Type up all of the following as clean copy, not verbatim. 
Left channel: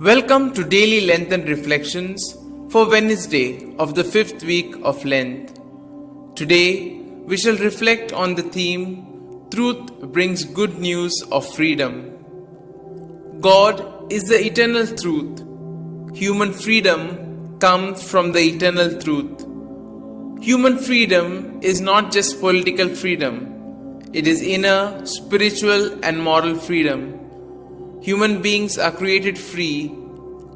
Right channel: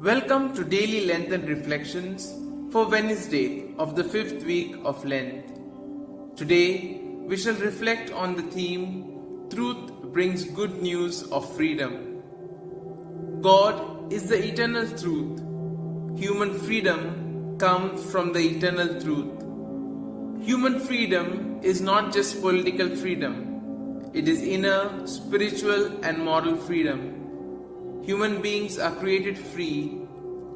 Welcome to Daily Lenten Reflections for Wednesday of the 5th week of Lent. Today, we shall reflect on the theme, Truth Brings Good News of Freedom. God is the eternal truth. Human freedom comes from the eternal truth. Human freedom is not just political freedom. It is inner, spiritual and moral freedom. Human beings are created free.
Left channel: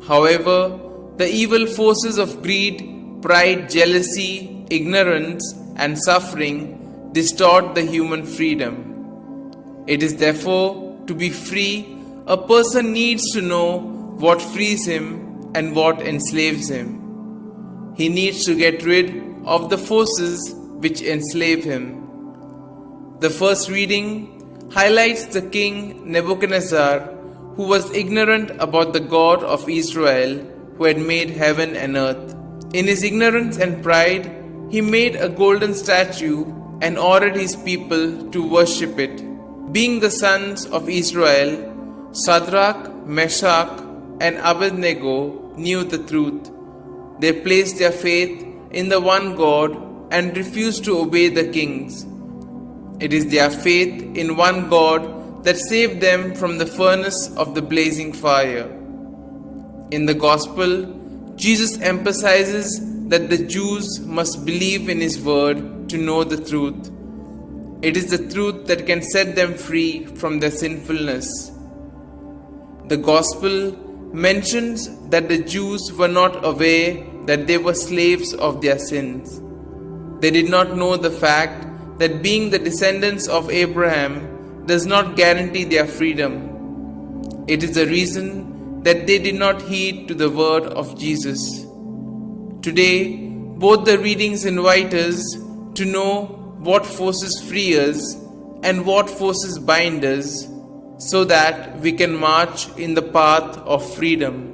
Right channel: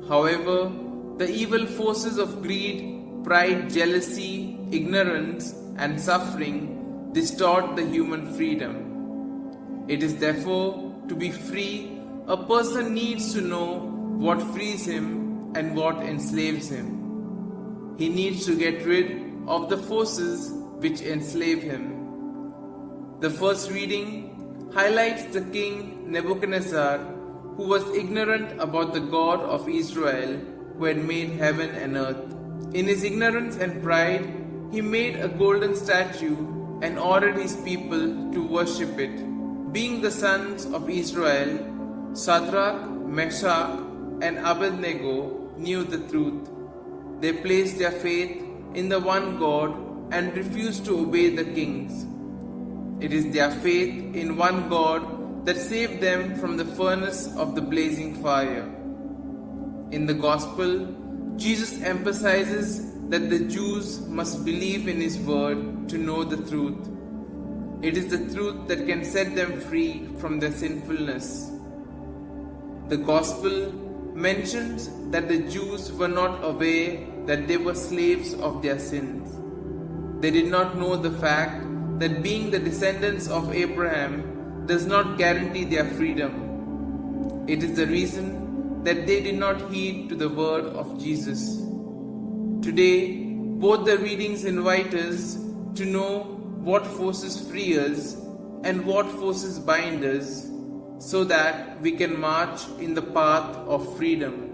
However, the evil forces of greed, pride, jealousy, ignorance, and suffering distort the human freedom. It is therefore, to be free, a person needs to know what frees him and what enslaves him. He needs to get rid of the forces which enslave him. The first reading highlights the king Nebuchadnezzar, who was ignorant about the God of Israel, who had made heaven and earth. In his ignorance and pride, he made a golden statue and ordered his people to worship it. Being the sons of Israel, Shadrach, Meshach, and Abednego knew the truth. They placed their faith in the one God and refused to obey the kings. It is their faith in one God that saved them from the furnace of the blazing fire. In the Gospel, Jesus emphasizes that the Jews must believe in His word to know the truth. It is the truth that can set them free from their sinfulness. The Gospel mentions that the Jews were not aware that they were slaves of their sins. They did not know the fact that being the descendants of Abraham does not guarantee their freedom. It is the reason that they did not heed to the word of Jesus. Today, both the readings invite us to know what forces free us and what forces bind us, so that we can march in the path of freedom.